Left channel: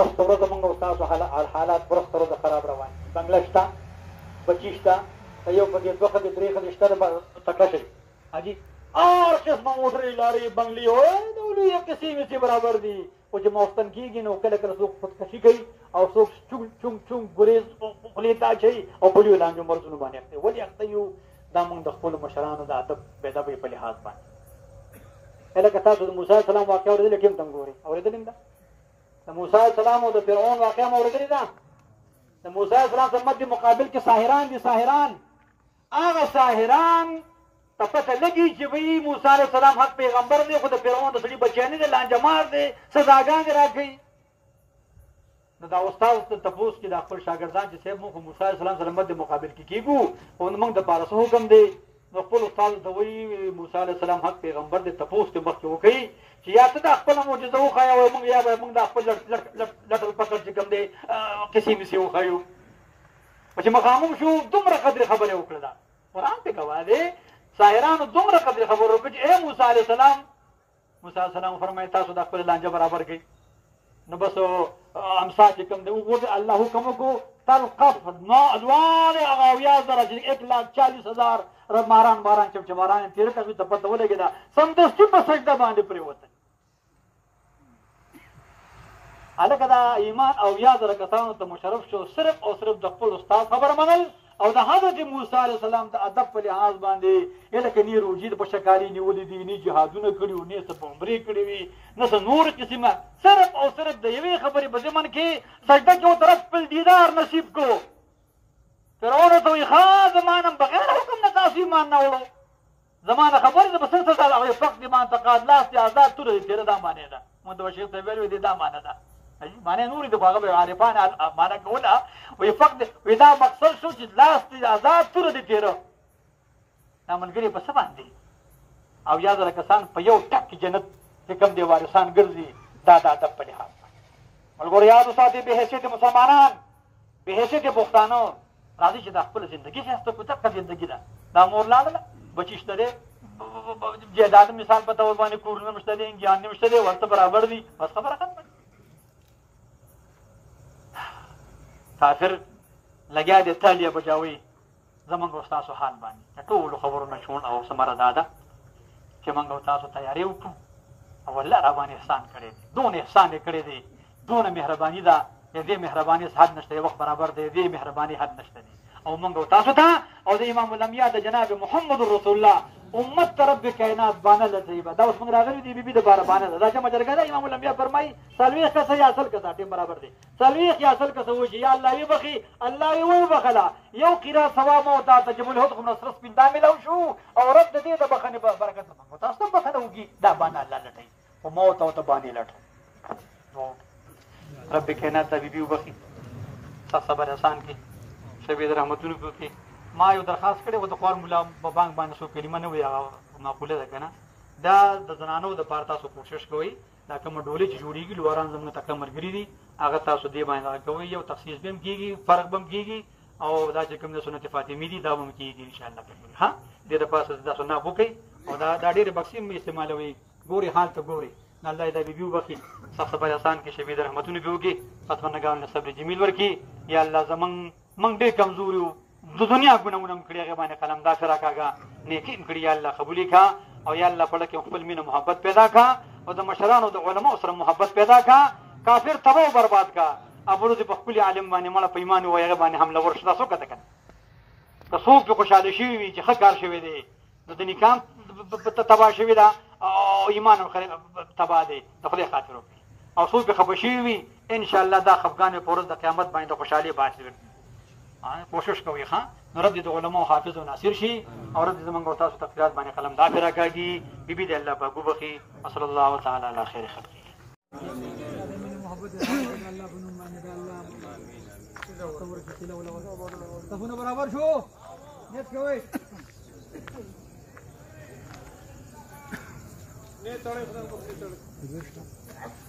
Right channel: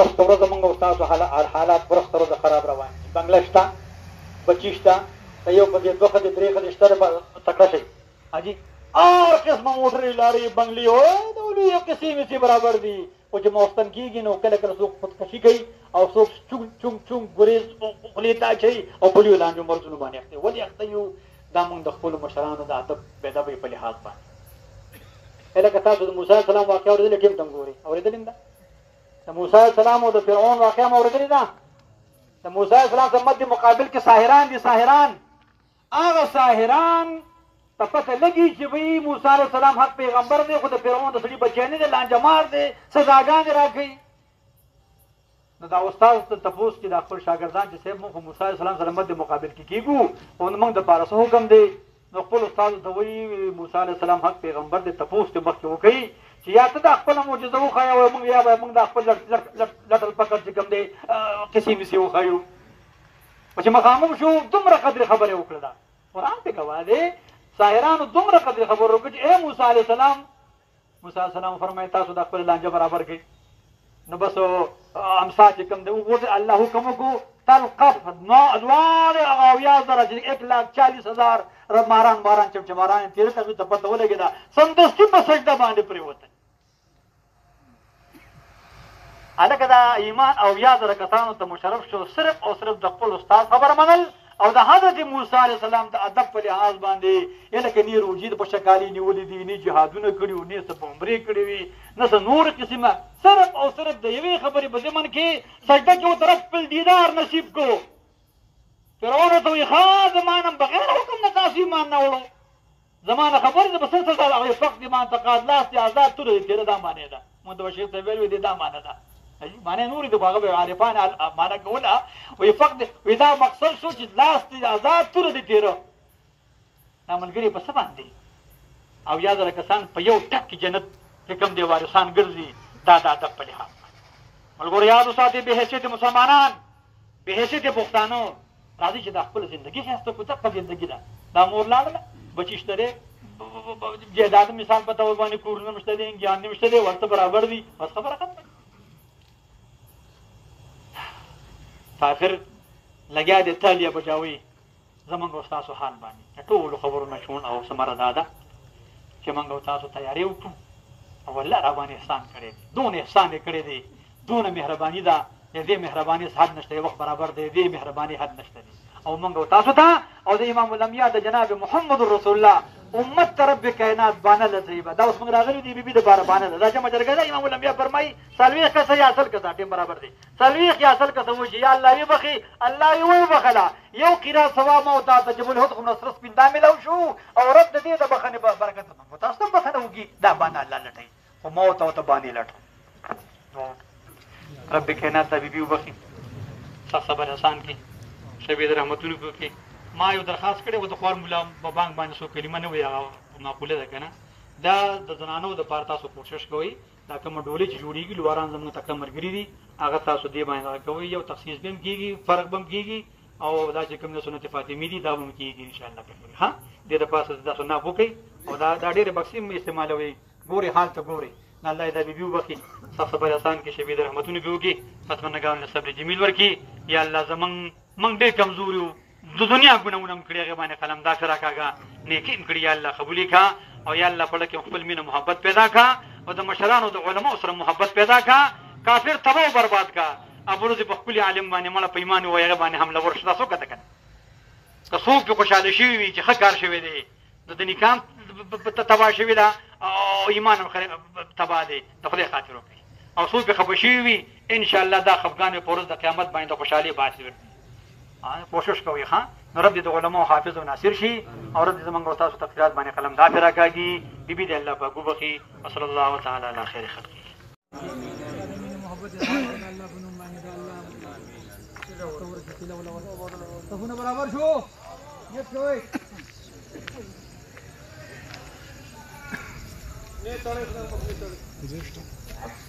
ورځ ورځ موږ او تاسو حالات ورځ ورځ خراب روان دي. بنګله شته، بچي شته، یو په دې دوه ښځې درې ښځې شته تکړه شي حاجي هر قسمه موټرې لارې بنګلې د ولې یو قسې مې برابر دي. خو چې موستن کېږي نو کله کله څوک خودکشي کوي او څوک چونګ چونګ ګریز خولې ته اچوي او پولیو لاندې مرزونو باندې اخته. ولې اخته یو؟ دا موږ د خپلو مشرانو د ادب بېادبۍ په لحاظ باندې. لکه تاسو د موسی علیه السلام واقعه اورېدلې ټیم ته ګورئ، اورېدلې ده؟ د موسی علیه السلام او د فرعون واقعه مو اورېدلې ده؟ د موسی علیه السلام سره مد مقابل کې ساحران دي. ساحران هغه ساحران ته پته لګي چې وایي موسی علیه السلام حق پیغمبر دی، خو د فرعون د سړي بچی نه دی، لانجمار دی، سزاګانې راکوي. نو دا استاد ته تپوس کړي د خپل شاګردان چې صاحب موږ موسی علیه السلام سره مد مقابل کې کېږو او موږ دپاره څه حکم دی؟ نو خپل استادو ته وایي موسی علیه السلام حق پیغمبر دی، تپوس ته مخکې وکوي چې یا ته دا خپله معجزه وښایه موږ یا به موږ دا خپل لټل پکړ چې کوم دی قصې مسې وښایو. خو چې مخامخ شو دومره قدرې خبرې وکړه. دا قرآن پې ګواه دی. ساحرانو دومره قدرې خبرې وکړه چې ای موسی علیه السلام، موسی علیه السلام فرمایي تاسو دا خپل لانجه برابر کړئ. نو بس امسا چې کوم دی وګورئ الله حکم وکړو تلقف دواړې هغه اویا زره چې 1,40,000 ماران چمچماران تېره کړه ته پته ولګېده سمدستي په سجده باندې پرېوته. هلکه دا ایمان اویا زره کسانو ته مشرف شو صرف او صرف د خپل استاد خبره منل او د حضرت موسی علیه السلام د ادب په لحاظ باندې. لکه نه روژې په شکالي نیولې دي، نه جهادونه کړي وو، نه څه په عمرې کړي وي، نه څه نور قسمه. صرف او صرف د یوې خبرې په ضمن کې سجده کې ورته خپل دیدار نصیب کړو. فرعون ورته وایي ښه زما نه بغیر حکم نه تاسو ایمان نه وړو، زما نه خبرې ده به څه څه ده. وایي فقط ما اعتقاد لاس دې آزاد توره دې تېره دا معنی ده. مونږ ته به شیخ صاحب ویل دا معنی ده، معنی نورې د خو هغه به عارفان معنی کوله. وایي فقط وایي دا مقصد شو چې لاس دې آزاد توره دې تېره. دا ملګري په څه باندې او یا زره کسان په یو ټک کې جنت چې کوم دی وارثان ګرځي. دا د ادب په لحاظ ملګرو یاد وساتئ بې حیثیت مسلمانان، بې حیثیت پښتانه راځي چې دا خپله زندګي ښایسته کړو. دقه زندګي ده. دا مور لاړله بچي شته دی، جایداد مثال په طور باندې کورونه مشته دی، انګیان نه مشته دی، ورته برابر دي، بس خبره ختمه. کافر لګیا دی تالیه بجاوي زمونږ او ستاسو حال باندې. د ټولو خبرونه شون او ثمره دا ده چې موږ او تاسو تیارې وکړو او الله را باندې احسان کړی دی. دونه احسان یې کړی دی، دونه مهرباني ده. د دې مهرباني حد نشته، وخت برابر دی، د دې مهرباني حد نشته دی. او موږ او تاسو ته او د امام الانبیاء د جناب محمد رسول الله امت ته رب کائنات بانه طیبه. دا اوس موږ راغلي دي بیبي دپاره بانه ده. دا جمع جرګه ده. امام الانبیاء فرمایي 40 کسه یا 100 کسه ټیم برابر دی. 40 یا 100 کسه وشي یا الله یې بخي الله یې وبخله. یو قرات ثواب او تا تجب الهدخ نصر سپین دا ملو شو او رب د دې د بخنې برکت په تاسو ته بخنه وږي. دا بانه الله لټوي خو موت او ته باندې لټو. رب کائنات ته بیبي وبخي، سخت صبر احسان کړي، شبید رحمتونو وکړي. ما یو درخواست کړی و د خوار ملا په بانک باندې څو کلمه نه وي هغه معقوله ده که نه. دا د زنانو دپاره تاسو کوشش کوئ دا کومه ډولۍ چې جوړېږي لواران زموږ تکړه ملګري دي هغه تاسو دې باندې دغه کوئ. یو تخصیص به هم کېږي، فرق به هم کېږي او دا چې کوم د سنت فاطمي دي دا به هم کېږي انشاءالله. ها دې دپاره تاسو ناف وکئ او دا ډېرې بکسې هم استعمالوئ. ګورئ حال ته ګورئ. الله یې دا بیبي وبخي، سخت صبر احسان کړي، شبید رحمتونه پې وکړي، فتمنګانو له صبر جمیل ورکړي. یا الله موږ ډېر کمزور یو، د دنیا ګناهونه هم کړي، هغې باندې قلمدار ښه راکاږه، نیکي هم کړي. یا الله قبول یې کړه او یا الله په زړه کې خپل مینه محبت پیدا کړه او د مشرانو د علماو سره محبت پیدا کړه. کافر تباه او برباد کړه. ابروز په خپل عالم باندې مړه په ایمان ووایي هغې باندې حمله ورشي. تاسو وکړه که که څوک پې خوشحاله شوي وي چې ښه کار شوی دی، د نکاح تباه شوي ده او ایمان هم تباه دی، د خدای خاطر وکړي. او څوک پې خفه شوي وي انشاءالله دا خفګان په ورځ د قیامت باندې د خوشحالۍ باعث ګرځي. کوشش کوئ ښه. نو رب دې د علماو حافظ او ناصر شي او رب دې زموږ او تاسو تقریرات باندې قلمدار پې راکاږي. بیبي دې الله پاک وبخي. وصلی الله تعالی علی خیر خلقه. صفونه برابر شو، نیت کوئ. نه تړئ خدای مخکې تړئ.